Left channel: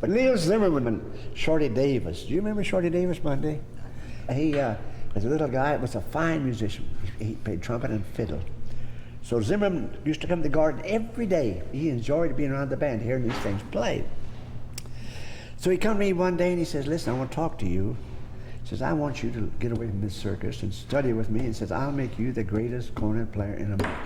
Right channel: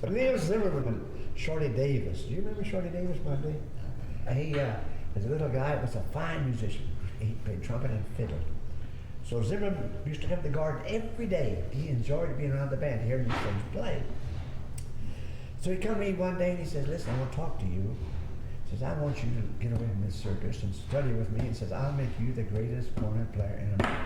But Neil Zimmerman and Shorty Davis. Do you remember Shorty Davis, Monday? He was a little guy, was a fine musician. He played trumpet and fiddle. So Zimmerman used to come to the garden every day. He enjoyed being around the band, hearing these things played. So he come to me one day and he says, listen, I want to talk to you. He says, I want you to get away from this circus and study with me. He says, I'll make you the greatest cornet player in America.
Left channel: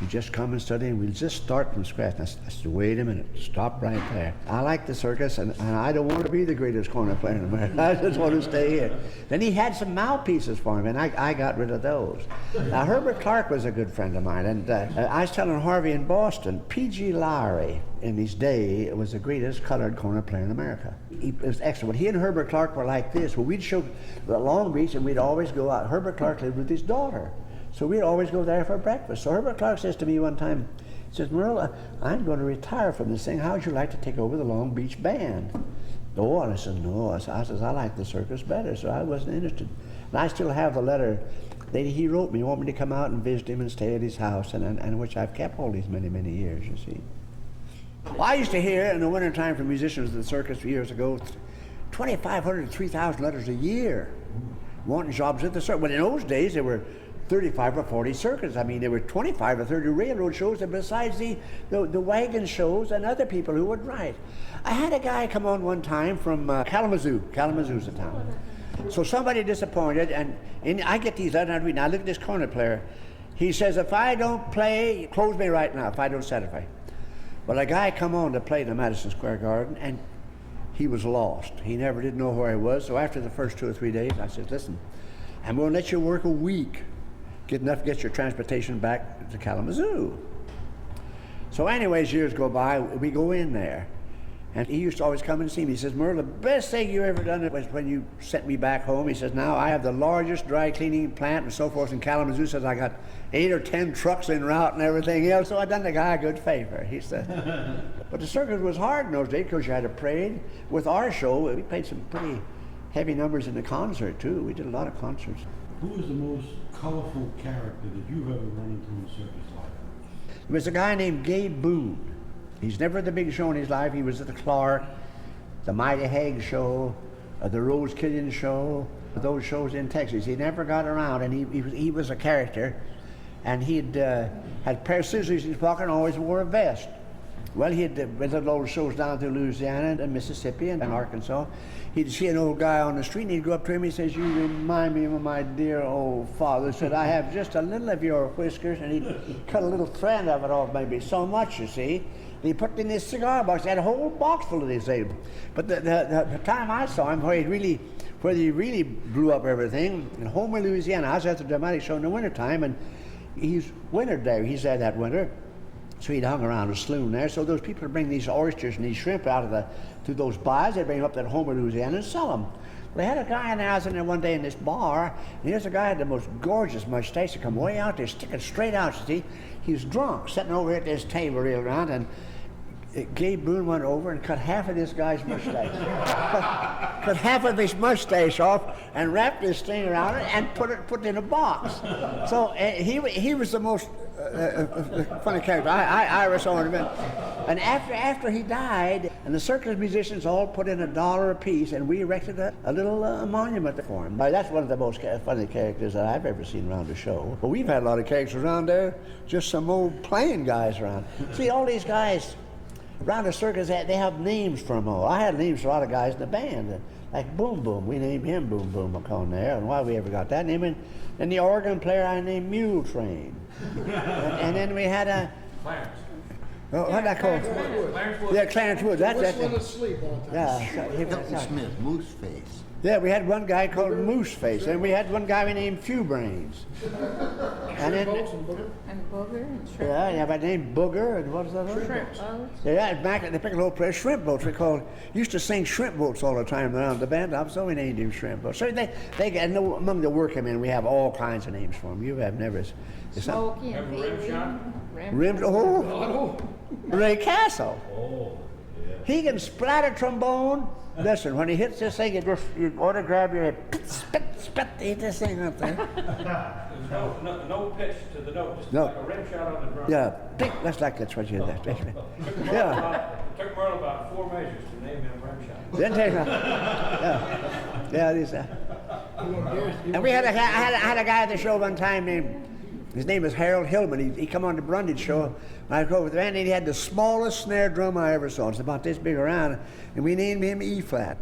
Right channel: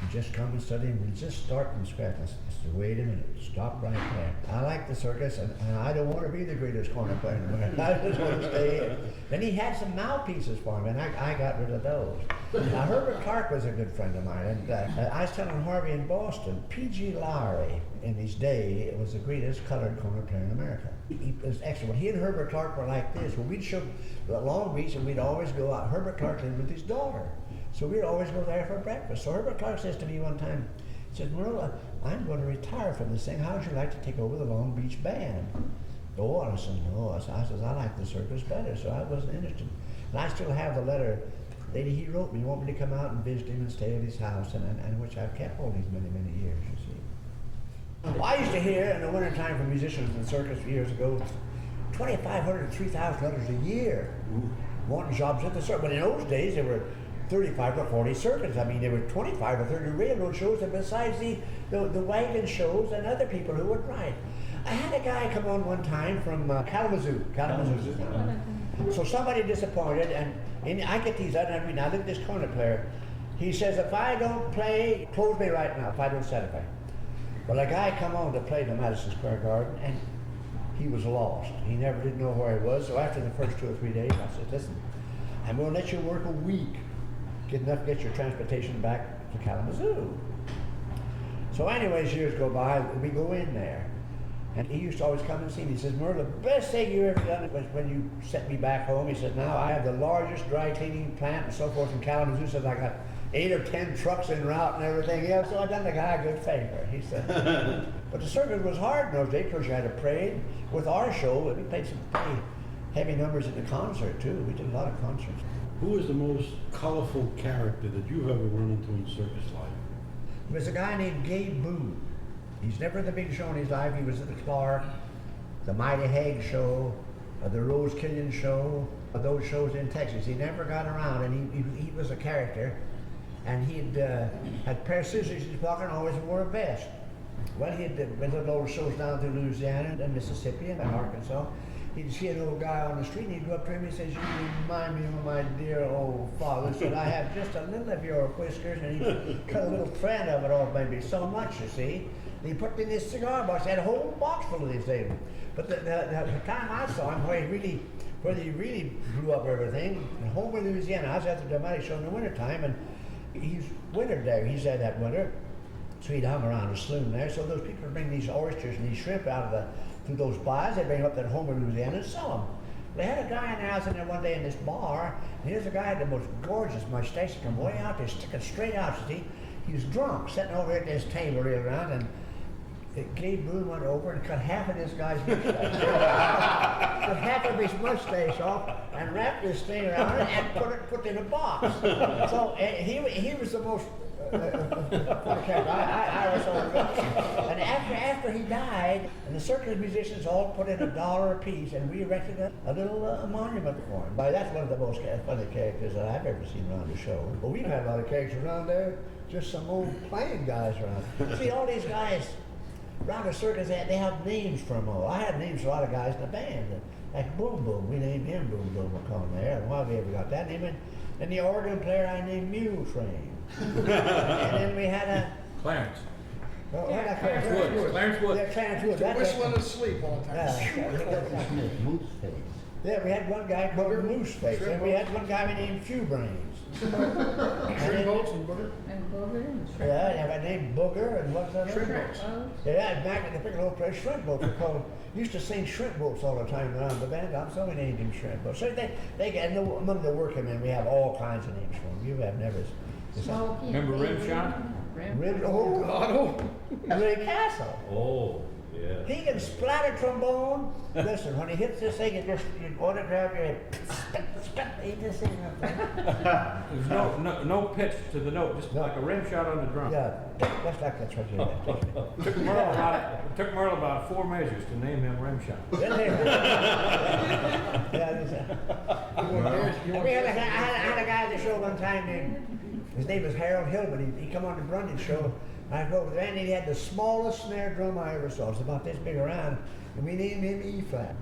You just come and study and we'll just start from scratch. I said, wait a minute, stop right there. I like the circus and I don't want to be the greatest cornet player in America. I just want to stay here. Then he had some mouthpieces for him and I got rid of those. Now Herbert Clark was a good friend of mine, and I was telling Harvey in Boston, P.G. Lowry in his day was the greatest colored cornet player in America. He was excellent. He and Herbert Clark were like this. Well, we'd show Long Beach and we'd always go out. Herbert Clark lived with his daughter. So we'd always go there for breakfast. So Herbert Clark says to me one time, he says, Merle, I'm going to retire from this thing. How would you like to take over the Long Beach band? Oh, and I said, no. I says, I like the circus better, so I wasn't interested. And I still have the letter that he wrote me, want me to come out and visit him and stay at his house, and which I've kept all these many, many years, you see. Well, I used to hear in the wintertime from musicians at the circus years ago, 2,500 to 3,000 letters a year wanting jobs at the circus. But in those days, there were 35 or 40 circuits. I mean, there were 25 or 30 railroad shows, and besides the wagon shows and other people who would write. I had a guy come on one time from Kalamazoo's the town. So somebody disappointed, and I get these letters, and I read, now look at this cornet player. He says, if I don't play, close me right now, if I don't satisfy. Well, a guy come on to play the Madison Square Garden, and he was lost. He never did know where he was, so after the first 2 or 3 days, I said, listen, I'm going to let you work a week. Get enough to get your transportation back to Kalamazoo. So anyways, years go by, we go in there. And he used to always come and see me. He says, Merle, the best thing you ever done was when you sent me back home. He says, now I have the largest dry cleaning plant and so forth in Kalamazoo. He says, I got 8 or 10 trucks en route and everything else. So I done the guy a good favor, he said. But the circus was hard in those days because you had to parade. With our show, we played some pretty heavy numbers in the concert too. We did a lot of concerts. Who is the most colorful character that you've ever run into in circus life? There was a guy named Gabe Boone. He's never had the big show in his life. He was at the Clark, the Mighty Hague show, the Rose Killian show, those shows in Texas. He never got around, and he was a character. And he'd had a pair of scissors in his pocket and always wore a vest. Well, he'd been to those shows down through Louisiana and Mississippi and Arkansas. He'd see an old guy on the street, and he'd go up to him. He says, you remind me of my dear old father. He said, I have just a little of your whiskers, and he'd cut a little thread of it off, maybe so much, you see. He put it in his cigar box. He had a whole box full of these things. But the time I saw him, where he really blew up everything, in Homer, Louisiana, I was at the dramatic show in the wintertime, and he's wintered there. He's there that winter. So he'd hung around a saloon there. So those people would bring these oysters and these shrimp out of through those bars. They'd bring them up to Homer, Louisiana, and sell them. They had a guy in there. I was in there one day in this bar, and here's a guy had the most gorgeous mustache. He come way out there, sticking straight out. See, he was drunk, sitting over at this table real around, and Gabe Boone went over and cut half of this guy's mustache. Cut half of his mustache off and wrapped this thing around it and put it in a box. So he was the most funny character. I saw him. And after he died, and the circus musicians all put in $1 apiece, and we erected a little monument for him. But that's one of the most funny characters that I've ever seen around the show. But we've had a lot of characters around there, just some old playing guys around. See, all these guys around the circus, they have names for them all. I had names for a lot of guys in the band, like Boom Boom. We named him Boom Boom McCone there, and why we ever got that name. And the organ player I named Mule Train. and then we had a Clarence. Oh, what that called? Clarence Woods. Yeah, Clarence Woods. Whistling asleep all the time. Yeah. Smith, Moose Face. Yeah, we had one guy called Moose Face, and we had one guy we named Few Brains. Shrimp boats and booger? And booger and shrimp. Yeah, I named Booger, and what's that? Shrimp boats. Yeah, back at the Piccolo place, shrimp boats. We used to sing shrimp boats all the time around the band up, so we named him shrimp boats. So and among the workmen, we have all kinds of names for them. You have never. Smokey and Remember Rim Shot? Ray Castle. Oh, yeah. He can splat a trombone. Listen, when he hits this thing, you ought to grab your head, spit, eat this thing up there. There's no pitch to the note, just No. like a rim shot on the drum. Yeah, that's like that's what you do. Took Merle about 4 measures to name him rim shot. Then take yeah, this. And we had I had a guy at the show one time named, his name was Harold Hillman. He come on the Brundage show. And I go with the band, and he had the smallest snare drum I ever saw. It's about this big around, and we named him E flat.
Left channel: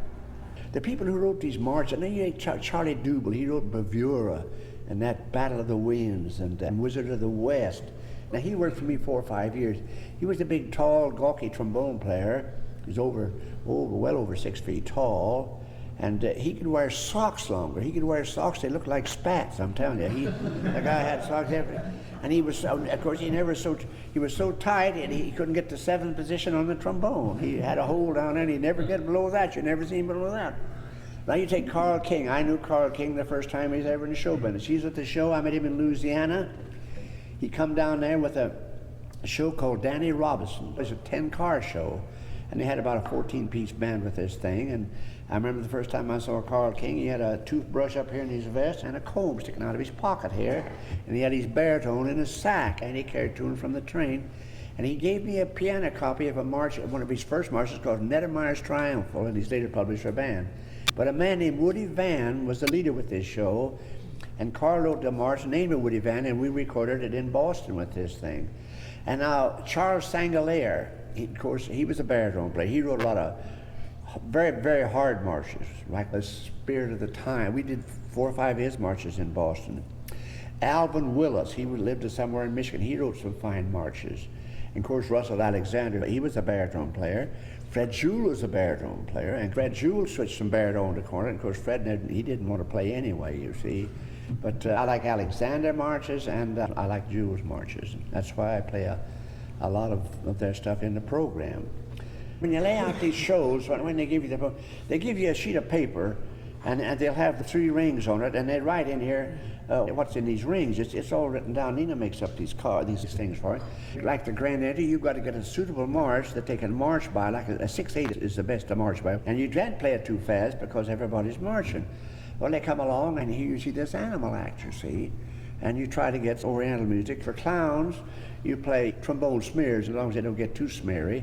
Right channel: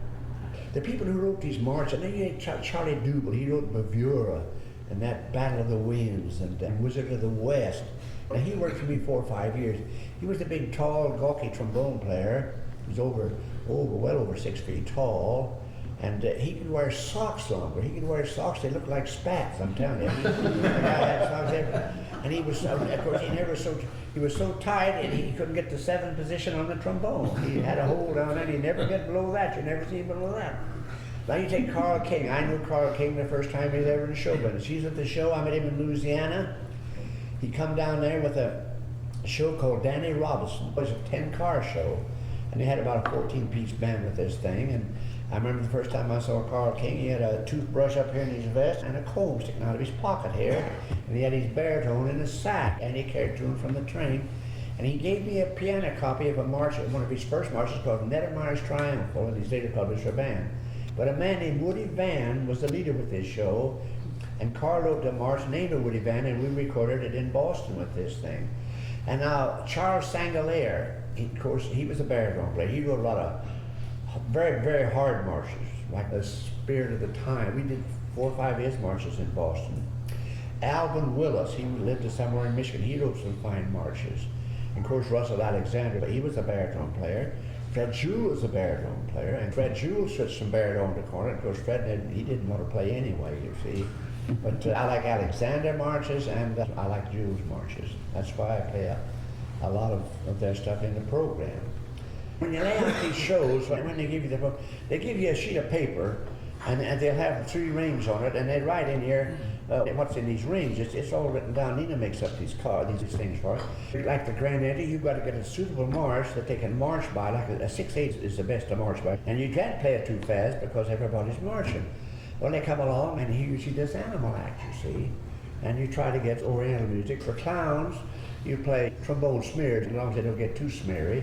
The people who wrote these marches, and then Charlie Double, he wrote Bavura, and that Battle of the Winds, and Wizard of the West. Now he worked for me 4 or 5 years. He was a big, tall, gawky trombone player. He was well over 6 feet tall, and he could wear socks longer. He could wear socks, they looked like spats, I'm telling you. The guy had socks everywhere. And he was, of course, he was so tight and he couldn't get the 7th position on the trombone. He had a hold on it, and he'd never get below that. You never see him below that. Now you take Carl King. I knew Carl King the first time he was ever in the show business. He was at the show, I met him in Louisiana. He come down there with a show called Danny Robinson. It was a 10-car show, and they had about a 14-piece band with this thing. And I remember the first time I saw Carl King, he had a toothbrush up here in his vest and a comb sticking out of his pocket here. And he had his baritone in a sack, and he carried to him from the train. And he gave me a piano copy of a march, one of his first marches called Nedemeyer's Triumphal, and he's later published a band. But a man named Woody Van was the leader with this show, and Carl wrote the march, named it Woody Van, and we recorded it in Boston with this thing. And now Charles Sangalaire, of course, he was a baritone player. He wrote a lot of very, very hard marches, like the Spirit of the Time. We did 4 or 5 of his marches in Boston. Alvin Willis, he lived somewhere in Michigan. He wrote some fine marches. And of course, Russell Alexander, he was a baritone player. Fred Jewell was a baritone player, and Fred Jewell switched from baritone to cornet. Of course, Fred didn't want to play anyway, you see. But I like Alexander marches, and I like Jewell's marches. That's why I play a lot of their stuff in the program. When you lay out these shows, when they give you they give you a sheet of paper, and they'll have 3 rings on it, and they write in here what's in these rings. It's all written down. Nina makes up these things for it. Like the grand entry, you've got to get a suitable march that they can march by. Like a 6/8 is the best to march by, and you can't play it too fast because everybody's marching. Well, they come along, and here you see this animal act, you see, and you try to get Oriental music. For clowns, you play trombone smears as long as they don't get too smeary.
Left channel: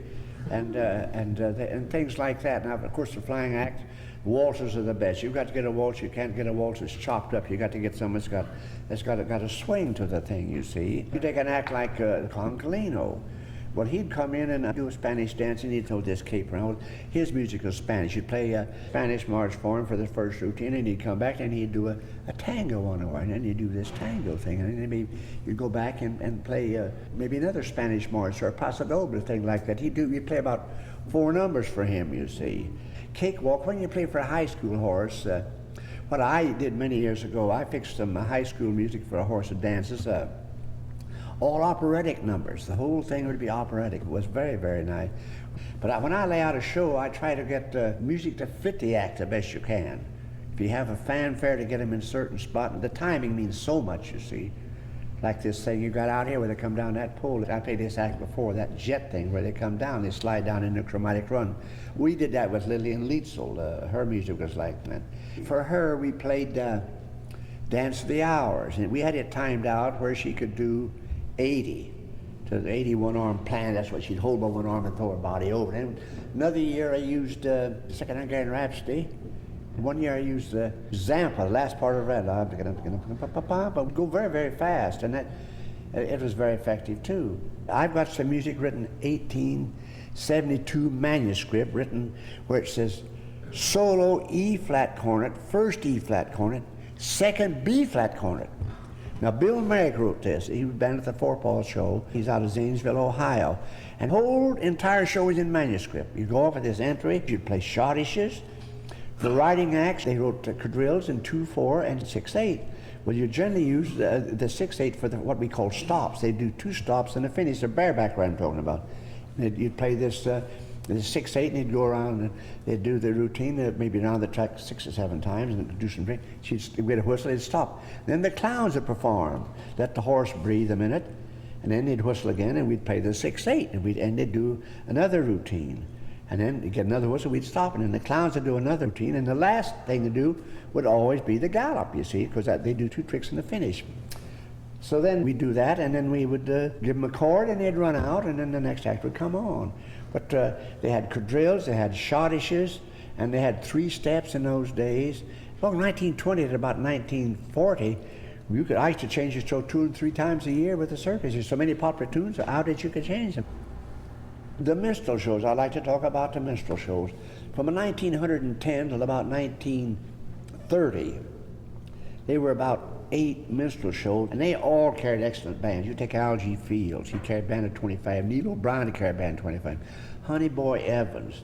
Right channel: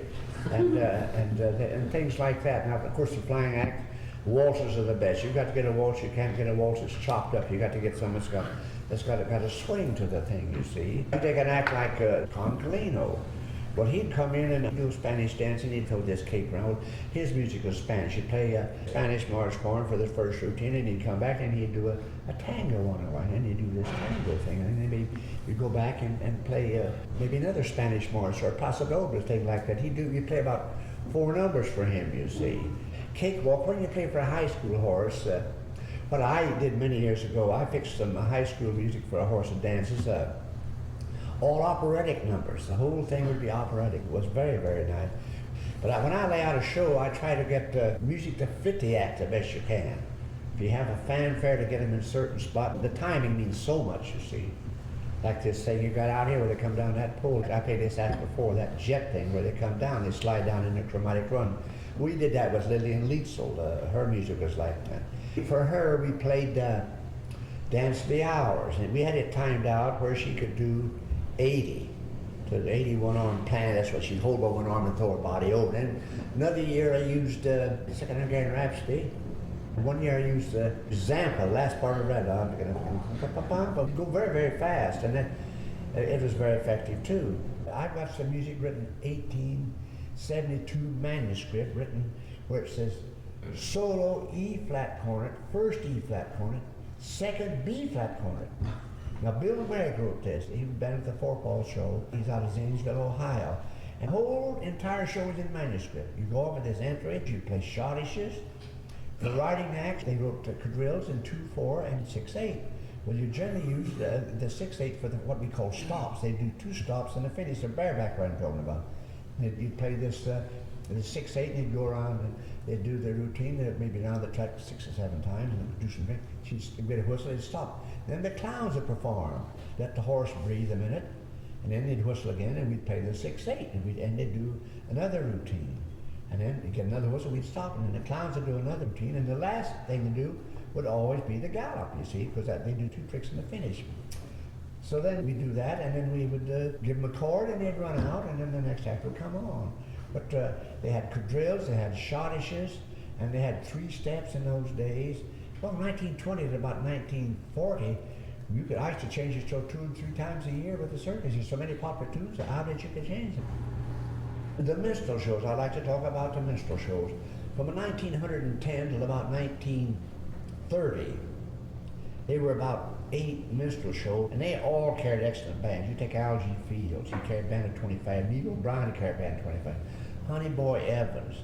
And things like that. Now, of course, the flying act, waltzes are the best. You've got to get a waltz. You can't get a waltz that's chopped up. You got to get something that's got a swing to the thing. You see, you take an act like Concalino. Well, he'd come in and do a Spanish dance, and he'd throw this cape around. His music was Spanish. You'd play a Spanish march for him for the first routine, and he'd come back and he'd do a tango on it, and then he'd do this tango thing, and then maybe you'd go back and play maybe another Spanish march or a Paso Doble thing like that. You'd play about 4 numbers for him, you see. Cakewalk, when you play for a high school horse, what I did many years ago, I fixed some high school music for a horse that dances, all operatic numbers. The whole thing would be operatic. It was very, very nice. But when I lay out a show, I try to get music to fit the act the best you can. If you have a fanfare to get them in a certain spot, the timing means so much, you see. Like this thing you got out here where they come down that pole. I played this act before, that jet thing where they come down, they slide down in a chromatic run. We did that with Lillian Lietzel. Her music was like that. For her, we played Dance the Hours, and we had it timed out where she could do 80 to the 81 arm plan. That's what she'd hold by one arm and throw her body over. And another year I used Second Hungarian Rhapsody. One year I used Zampa, the last part of Red. Go very, very fast, and it was very effective too. I've got some music written 1872 manuscript written where it says solo E flat cornet, first E flat cornet, second B flat cornet. Now, Bill Merrick wrote this. He was band at the Four Paws show. He's out of Zanesville, Ohio. And the whole entire show is in manuscript. You go off at this entry, you play schottisches. For writing acts, they wrote quadrilles in 2/4 and 6/8. Well, you generally use the 6/8 for what we call stops. They do 2 stops and a finish, the bareback I'm talking about. You'd play this 6/8, and he'd go around and they'd do the routine, maybe around the track 6 or 7 times, and do some drink. She'd get a whistle, they'd stop. Then the clowns would perform, let the horse breathe a minute, and then they'd whistle again, and we'd play the 6/8, and they'd do another routine. And then you get another whistle, we'd stop, and then the clowns would do another routine, and the last thing to do would always be the gallop, you see, because they do 2 tricks in the finish. So then we'd do that, and then we would give them a chord, and they'd run out, and then the next act would come on. But they had quadrilles, they had schottisches, and they had 3 steps in those days. Well, 1920 to about 1940, I used to change the show 2 and 3 times a year with the circus. There's so many popular tunes out that you could change them. The minstrel shows, I like to talk about the minstrel shows. From 1910 till about 1930, there were about 8 minstrel shows, and they all carried excellent bands. You take Algie Fields, he carried a band of 25. Neil O'Brien, he carried a band of 25. Honey Boy Evans,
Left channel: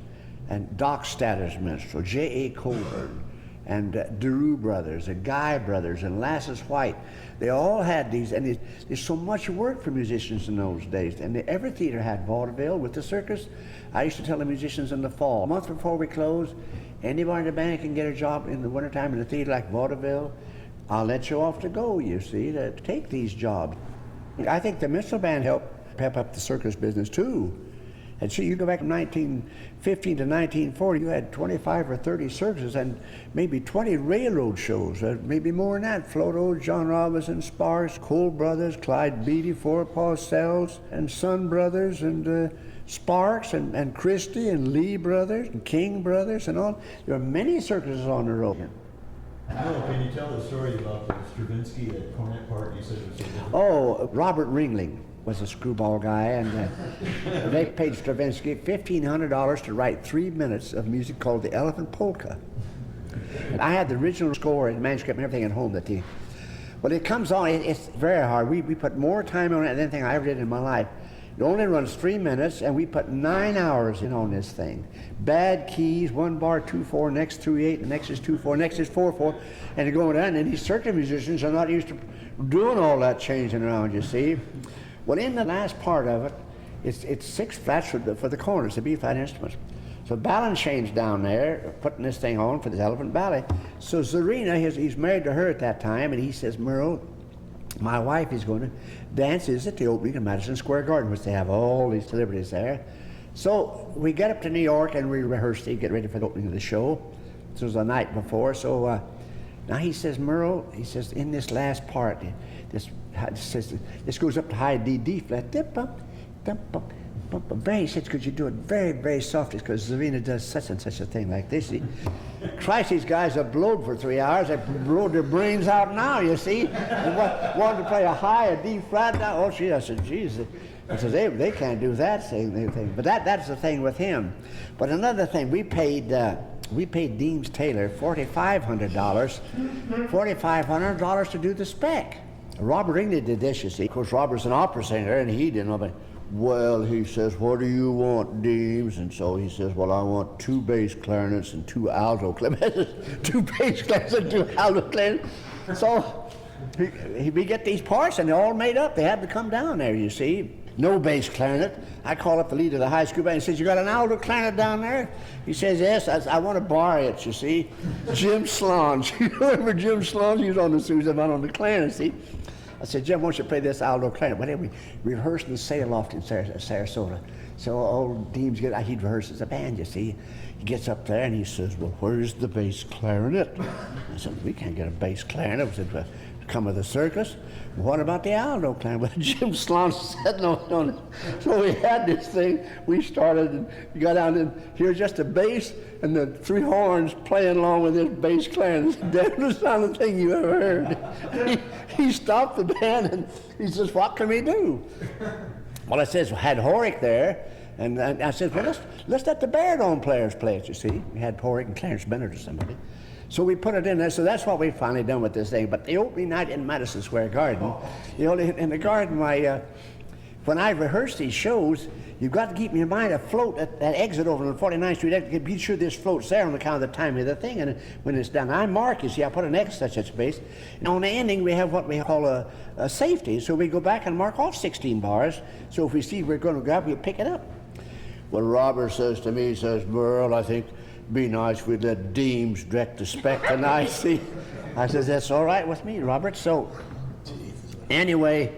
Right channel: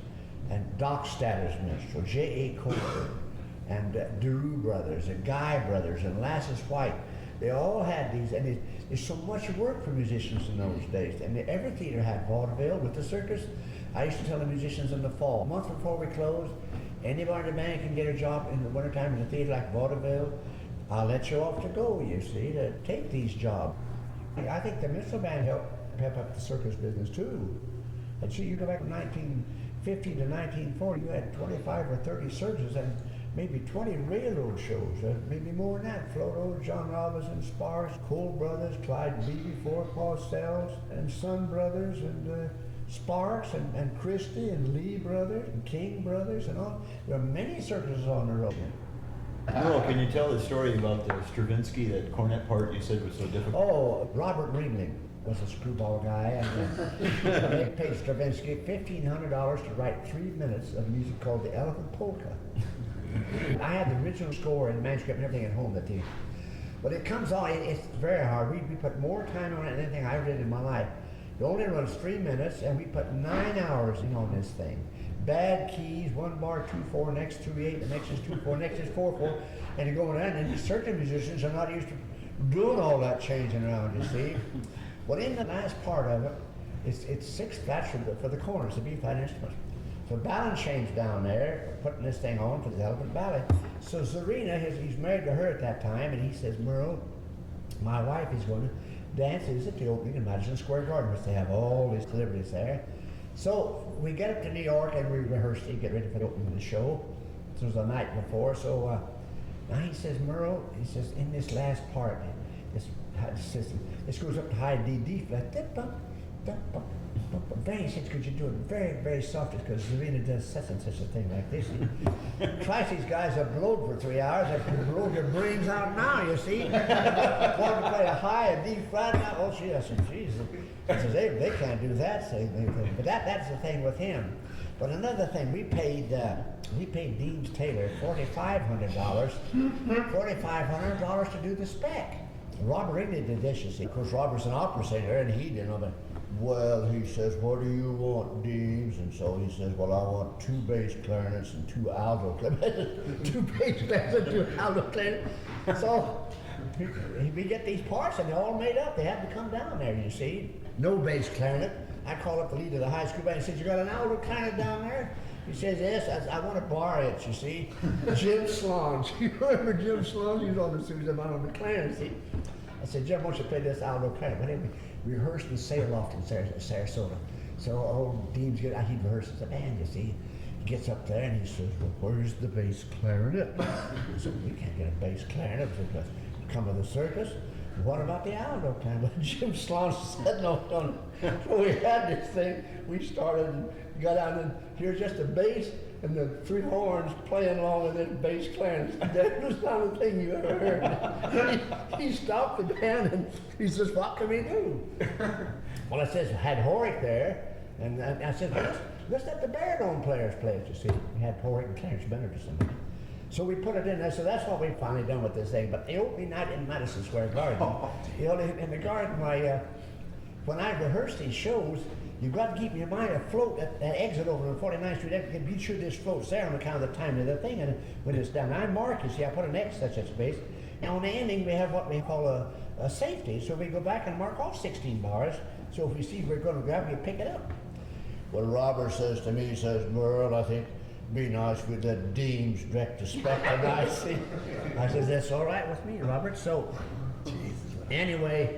and Doc Statter's minstrel, J.A. Colburn, and DeRue Brothers, the Guy Brothers, and Lassus White. They all had these, and there's so much work for musicians in those days. And every theater had vaudeville with the circus. I used to tell the musicians in the fall, a month before we close, anybody in the band can get a job in the wintertime in a theater like vaudeville. I'll let you off to go, you see, to take these jobs. I think the minstrel band helped pep up the circus business too. And see, you go back from 1915 to 1940, you had 25 or 30 circuses and maybe 20 railroad shows, maybe more than that. Floto, John Robinson, Sparks, Cole Brothers, Clyde Beatty, Forepaw Sells, and Son Brothers, and Sparks, and Christie, and Lee Brothers, and King Brothers, and all. There are many circuses on the road. Merle, can you tell the story about the Stravinsky, that cornet part you said was so different? Oh, Robert Ringling was a screwball guy, and they paid Stravinsky $1,500 to write 3 minutes of music called the Elephant Polka. I had the original score and manuscript and everything at home that day. But it comes on, it's very hard. We put more time on it than anything I ever did in my life. It only runs 3 minutes, and we put 9 hours in on this thing. Bad keys, 1 bar, 2/4, next 3/8, the next is 2/4, next is 4/4, and you're going down, and these circuit musicians are not used to doing all that changing around, you see. Well, in the last part of it, it's 6 flats for the corners, the B-flat instruments. So Balanchane's down there putting this thing on for the Elephant Ballet. So Zarina, he's married to her at that time, and he says, Merle, my wife is going to dance at the opening of Madison Square Garden, which they have all these celebrities there. So we get up to New York and we rehearse to get ready for the opening of the show. This was the night before. So now he says, Merle, he says, in this last part, this goes up to high D, D flat, dip up, very, because you do it very, very softly, because Zarina does such and such a thing like this. Christ, these guys have blowed for 3 hours. They've blowed their brains out now, you see. They wanted to play a high, a D flat now. Oh, I said, Jesus. I said, they can't do that thing. But that's the thing with him. But another thing, we paid Deems Taylor $4,500 to do the spec. Robert Englund did this, you see. Of course, Robert's an opera singer, and he didn't know, but, well, he says, what do you want, Deems? And so he says, well, I want 2 bass clarinets and 2 alto clarinets. 2 bass clarinets and 2 alto clarinets. So we get these parts, and they're all made up. They had to come down there, you see. No bass clarinet. I call up the leader of the high school band. He says, you got an alto clarinet down there? He says, yes. I want to borrow it, you see. Jim Slonge. You remember Jim Slonge? He was on the Susan on the clarinet, see. I said, Jim, why don't you play this alto clarinet? But anyway, we rehearsed in the sail loft in Sarasota. So old Deems, he'd rehearse as a band, you see. He gets up there and he says, well, where's the bass clarinet? I said, we can't get a bass clarinet. I said, well, come with the circus. What about the alto clarinet? Well, Jim Slonge said no. So we had this thing. We started and we got down and here's just a bass and the 3 horns playing along with this bass clarinet. That was the sound thing you ever heard. He stopped the band and he says, what can we do? Well, I says, had Horick there, and I said, well, let's let the baritone players play it, you see. We had Horick and Clarence Bennett or somebody. So we put it in there, so that's what we finally done with this thing. But the opening night in Madison Square Garden, in the garden, when I rehearse these shows, you've got to keep in your mind afloat at that exit over on 49th Street. Be sure this floats there on account of the time of the thing, and when it's done, I mark, you see, I put an X such a space. And on the ending, we have what we call a safety, so we go back and mark all 16 bars, so if we see we're going to grab, we'll pick it up. Well, Robert says to me, he says, Merle, I think be nice if we'd let Deems direct the spec tonight, see? I says, that's all right with me, Robert. So, anyway,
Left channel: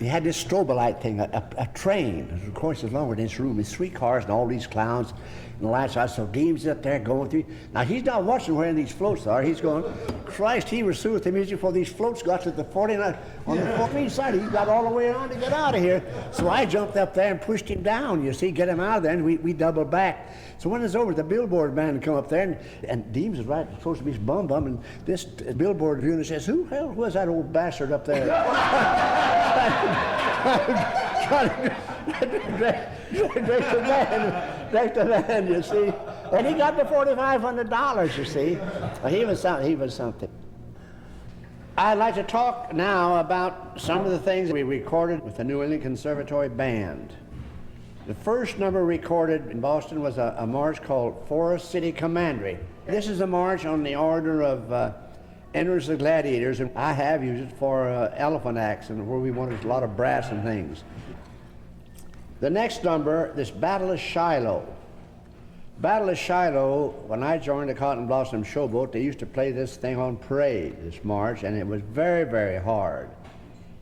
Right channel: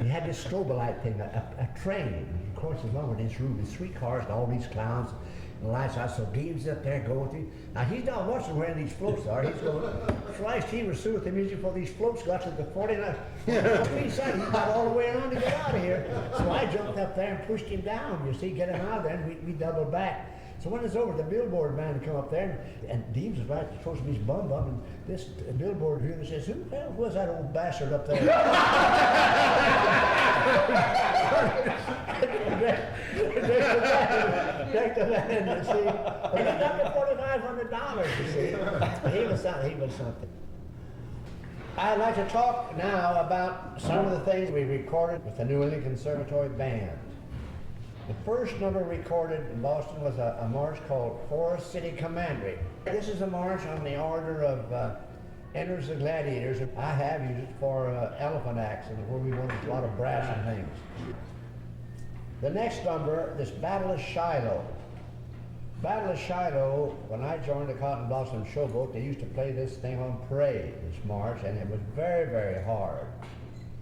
he had this strobolite thing, a train. Of course, it's longer than this room. These streetcars and all these clowns and the lights out. So Deems up there going through. Now he's not watching where these floats are. He's going, Christ, he was through with the music before these floats got to the 49 on the 14th side. He got all the way around to get out of here. So I jumped up there and pushed him down, you see, get him out of there, and we doubled back. So when it's over, the billboard man come up there, and Deems is right, supposed to be his bum, and this billboard unit says, who the hell was that old bastard up there? Direct the man, you see. And he got the $4,500, you see. But he was something. I'd like to talk now about some of the things we recorded with the New England Conservatory Band. The first number recorded in Boston was a march called Forest City Commandery. This is a march on the order of Enters the Gladiators, and I have used it for elephant acts and where we wanted a lot of brass and things. The next number, this Battle of Shiloh. Battle of Shiloh, when I joined the Cotton Blossom Showboat, they used to play this thing on parade, this march, and it was very, very hard.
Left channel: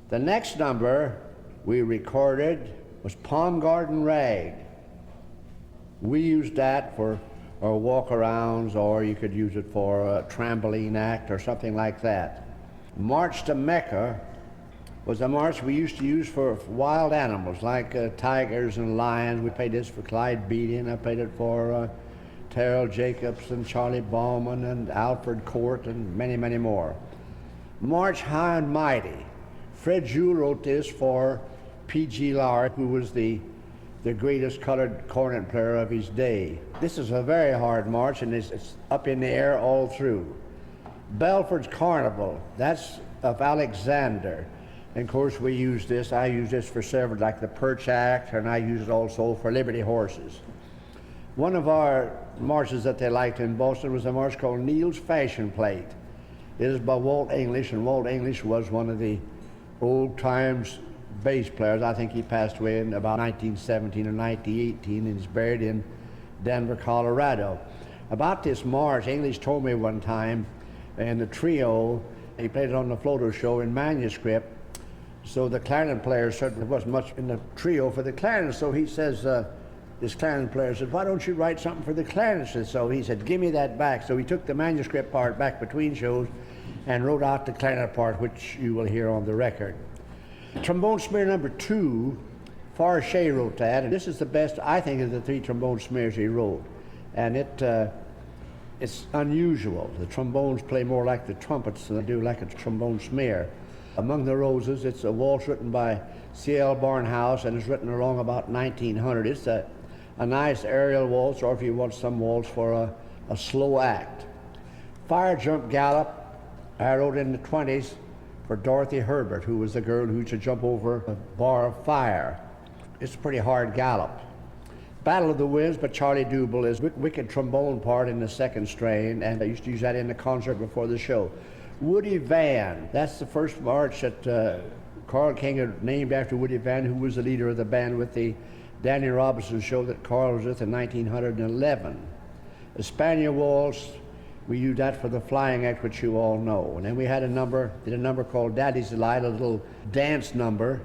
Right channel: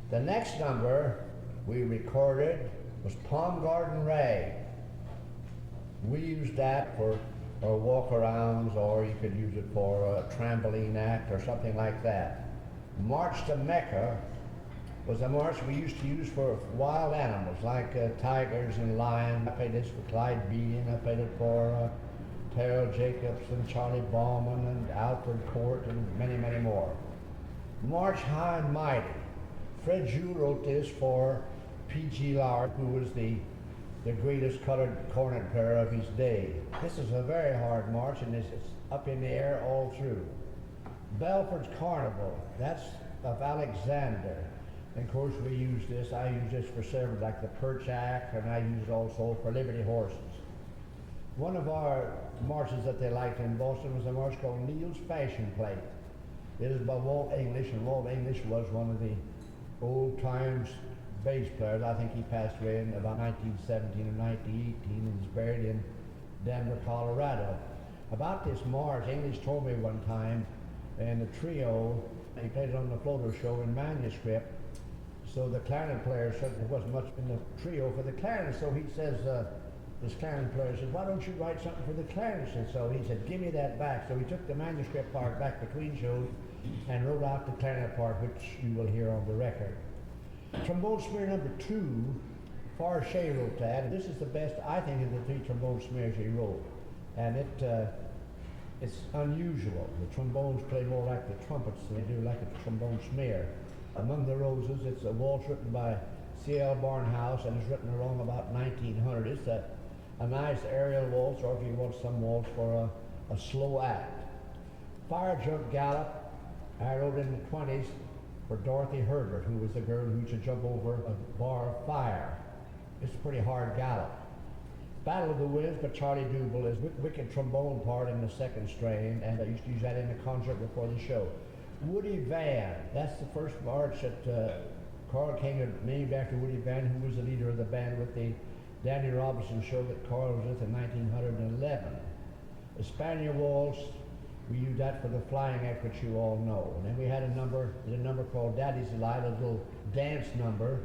The next number we recorded was Palm Garden Rag. We used that for our walk-arounds, or you could use it for a trampoline act or something like that. March to Mecca was a march we used to use for wild animals like tigers and lions. We played this for Clyde Beatty, and I played it for Terrell Jacobs and Charlie Bauman and Alfred Court and many, many more. March High and Mighty. Fred Jewell wrote this for P.G. Lauer, who was the greatest colored cornet player of his day. This is a very hard march, and it's up in the air all through. Belford's Carnival, that's of Alexander. And of course we use this, I use this for several, like the Perch Act, and I use it also for Liberty Horses. One of our marches that they liked in Boston was a march called Neil's Fashion Plate. It is by Walt English, and Walt English was one of the old times bass players. I think he passed away in about 1917 or 1918, and he's buried in Denver, Colorado. About this march, English told me one time, and the trio, he played it on the Floto show in manuscript, so the clarinet player certainly wasn't much in the trio for the clarinet, so he says, this clarinet player said, why don't you write something for the clarinetist? So he said, give me that back. So he took the manuscript part back between shows and wrote out the clarinet part, which you will hear on the record. Trombone smear number 2, Farchet wrote that, and this is the best, I think, of the 3 trombone smears he wrote. And it's unusual. The trombones play more like the trumpets than they do like a trombone smear. Among the Roses, it's a waltz written by C.L. Barnhouse, and it's written along about 1900. It's a nice aerial waltz, or if you want some waltz for a slow act. Fire Jump Gallop, I wrote in the 20s for Dorothy Herbert, who was the girl who used to jump over a bar of fire. It's a pretty hard gallop. Battle of the Winds by Charlie Dubel is wicked trombone part in the second strain, and I used to use that in the concert before the show. Woody Van, that's the first march that Carl King had named after Woody Van, who was the leader of the band with the Danny Robinson show that Carl was with in 1911. The Spaniel Waltz, we used that for the flying act, which you all know. And then we had a number called Daddy's Delight, a little dance number.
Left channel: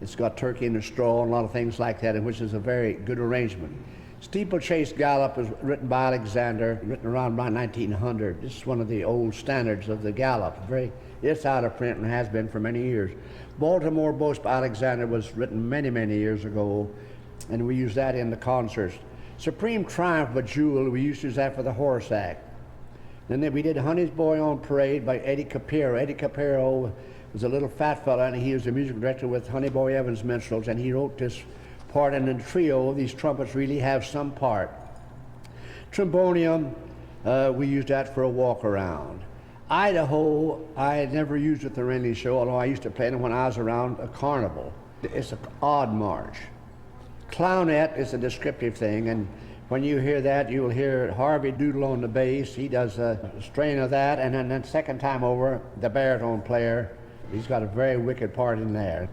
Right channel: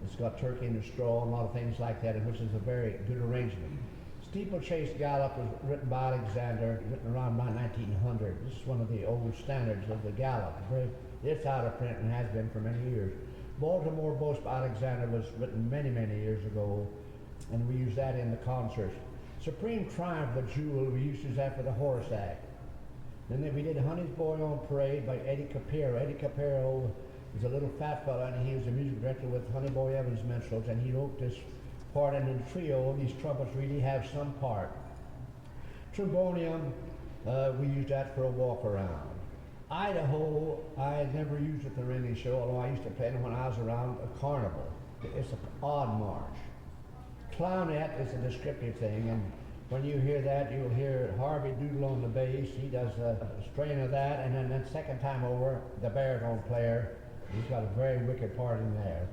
It's got turkey in the straw and a lot of things like that, which is a very good arrangement. Steeplechase Gallop was written by Alexander, written around 1900. This is one of the old standards of the gallop. It's out of print and has been for many years. Baltimore Boast by Alexander was written many, many years ago, and we use that in the concerts. Supreme Triumph by Jewell, we used to use that for the horse act. Then we did Honey's Boy on Parade by Eddie Capero. Eddie Capero was a little fat fella, and he was the music director with Honey Boy Evans Minstrels, and he wrote this part in the trio. These trumpets really have some part. Trombonium, we used that for a walk around. Idaho, I had never used at the Renly show, although I used to play them when I was around a carnival. It's an odd march. Clownette is a descriptive thing, and when you hear that, you'll hear Harvey Doodle on the bass. He does a strain of that, and then the second time over, the baritone player, he's got a very wicked part in there.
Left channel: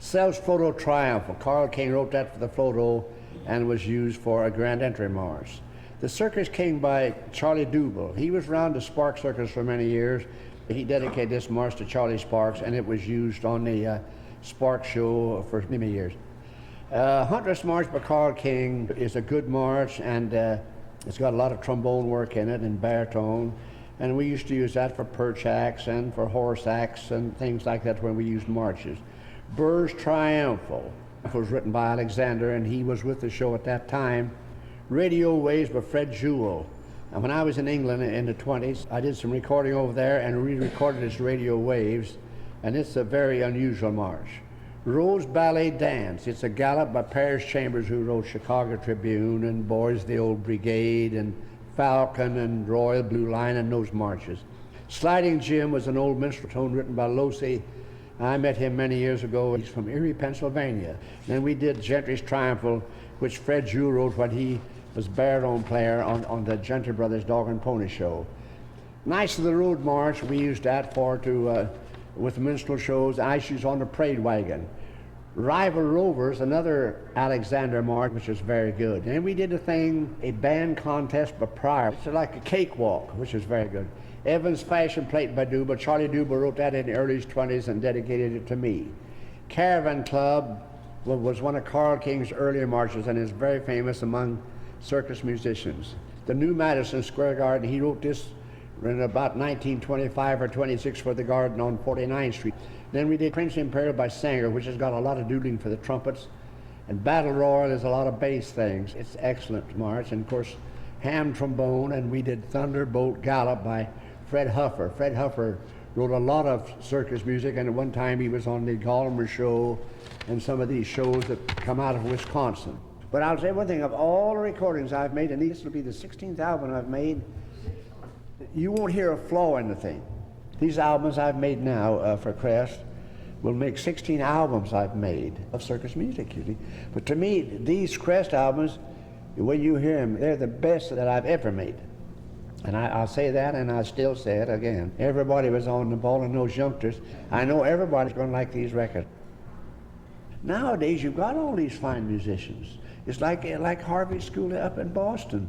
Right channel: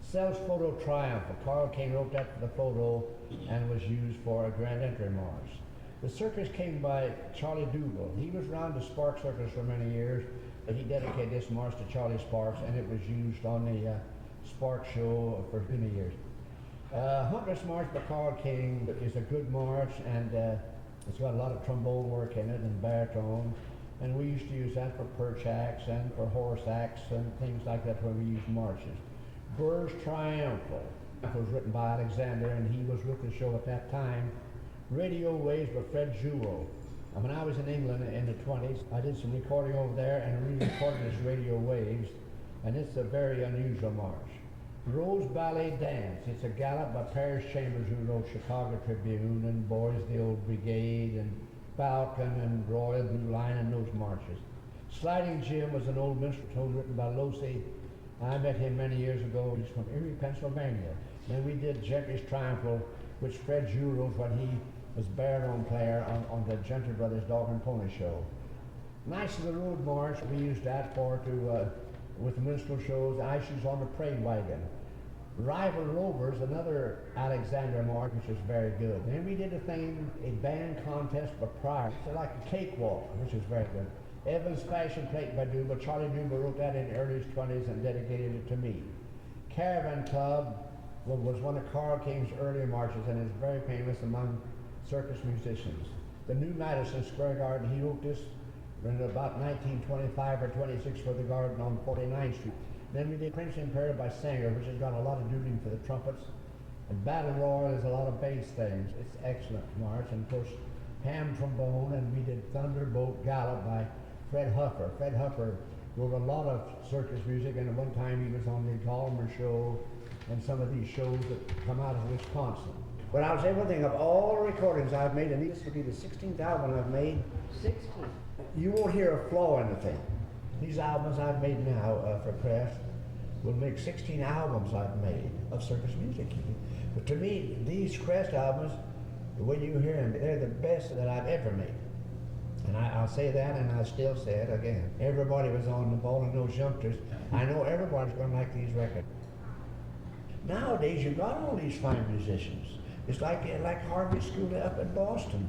Self's Photo Triumph, Carl King wrote that for the Photo and was used for a grand entry march. The Circus King by Charlie Dubel. He was around the Sparks Circus for many years. He dedicated this march to Charlie Sparks, and it was used on the Spark Show for many years. Huntress March by Carl King is a good march, and it's got a lot of trombone work in it and baritone. And we used to use that for perch acts and for horse acts and things like that when we used marches. Burr's Triumphal was written by Alexander, and he was with the show at that time. Radio Waves by Fred Jewell. And when I was in England in the 20s, I did some recording over there and re-recorded this Radio Waves, and it's a very unusual march. Rose Ballet Dance. It's a gallop by Paris Chambers, who wrote Chicago Tribune and Boys of the Old Brigade and Falcon and Royal Blue Line and those marches. Sliding Jim was an old minstrel tone written by Losey. I met him many years ago. He's from Erie, Pennsylvania. Then we did Gentry's Triumphal, which Fred Jewell wrote when he was baritone player on the Gentry Brothers Dog and Pony Show. Knights of the Road March, we used that with minstrel shows. I used on the parade wagon. Rival Rovers, another Alexander march, which was very good. And we did a band contest by Pryor. It's like a cakewalk, which is very good. Evans Fashion Plate by Duba. Charlie Duba wrote that in the early 20s and dedicated it to me. Caravan Club was one of Carl King's earlier marches and is very famous among circus musicians. The New Madison Square Garden, he wrote this in about 1925 or 26 for the garden on 49th Street. Then we did Prince Imperial by Sanger, which has got a lot of doodling for the trumpets. And Battle Royal is a lot of bass things. It's excellent march. And of course, ham trombone, and we did Thunderbolt Gallop by Fred Huffer. Fred Huffer wrote a lot of circus music, and at one time he was on the Gallmer Show and some of these shows that come out of Wisconsin. But I'll say one thing, of all the recordings I've made, and this will be the 16th album I've made, you won't hear a flaw in the thing. These albums I've made now for Crest will make 16 albums I've made of circus music, you see. But to me, these Crest albums, when you hear them, they're the best that I've ever made. And I'll say that, and I'll still say it again. Everybody was on the ball, and those youngsters, I know everybody's going to like these records. Nowadays, you've got all these fine musicians. It's like Harvey School up in Boston.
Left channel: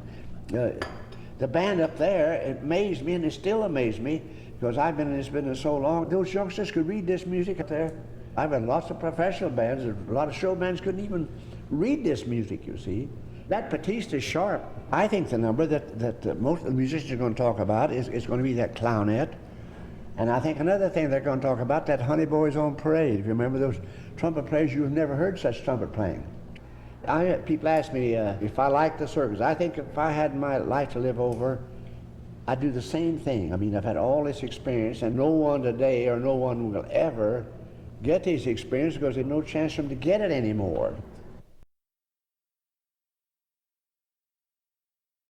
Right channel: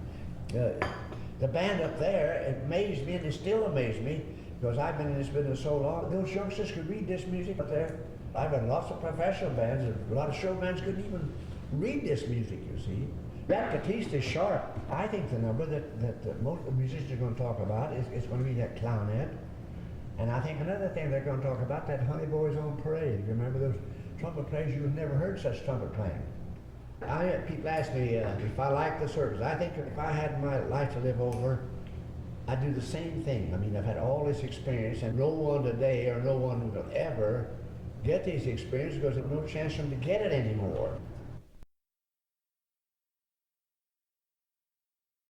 The band up there, it amazed me, and it still amazes me, because I've been in this business so long. Those youngsters could read this music up there. I've had lots of professional bands, and a lot of show bands couldn't even read this music, you see. That Batiste is sharp. I think the number that most of the musicians are going to talk about is going to be that Clownette. And I think another thing they're going to talk about, that Honey Boys on Parade. If you remember those trumpet players, you've never heard such trumpet playing. People ask me if I like the circus. I think if I had my life to live over, I'd do the same thing. I mean, I've had all this experience, and no one today or no one will ever get this experience because there's no chance for them to get it anymore.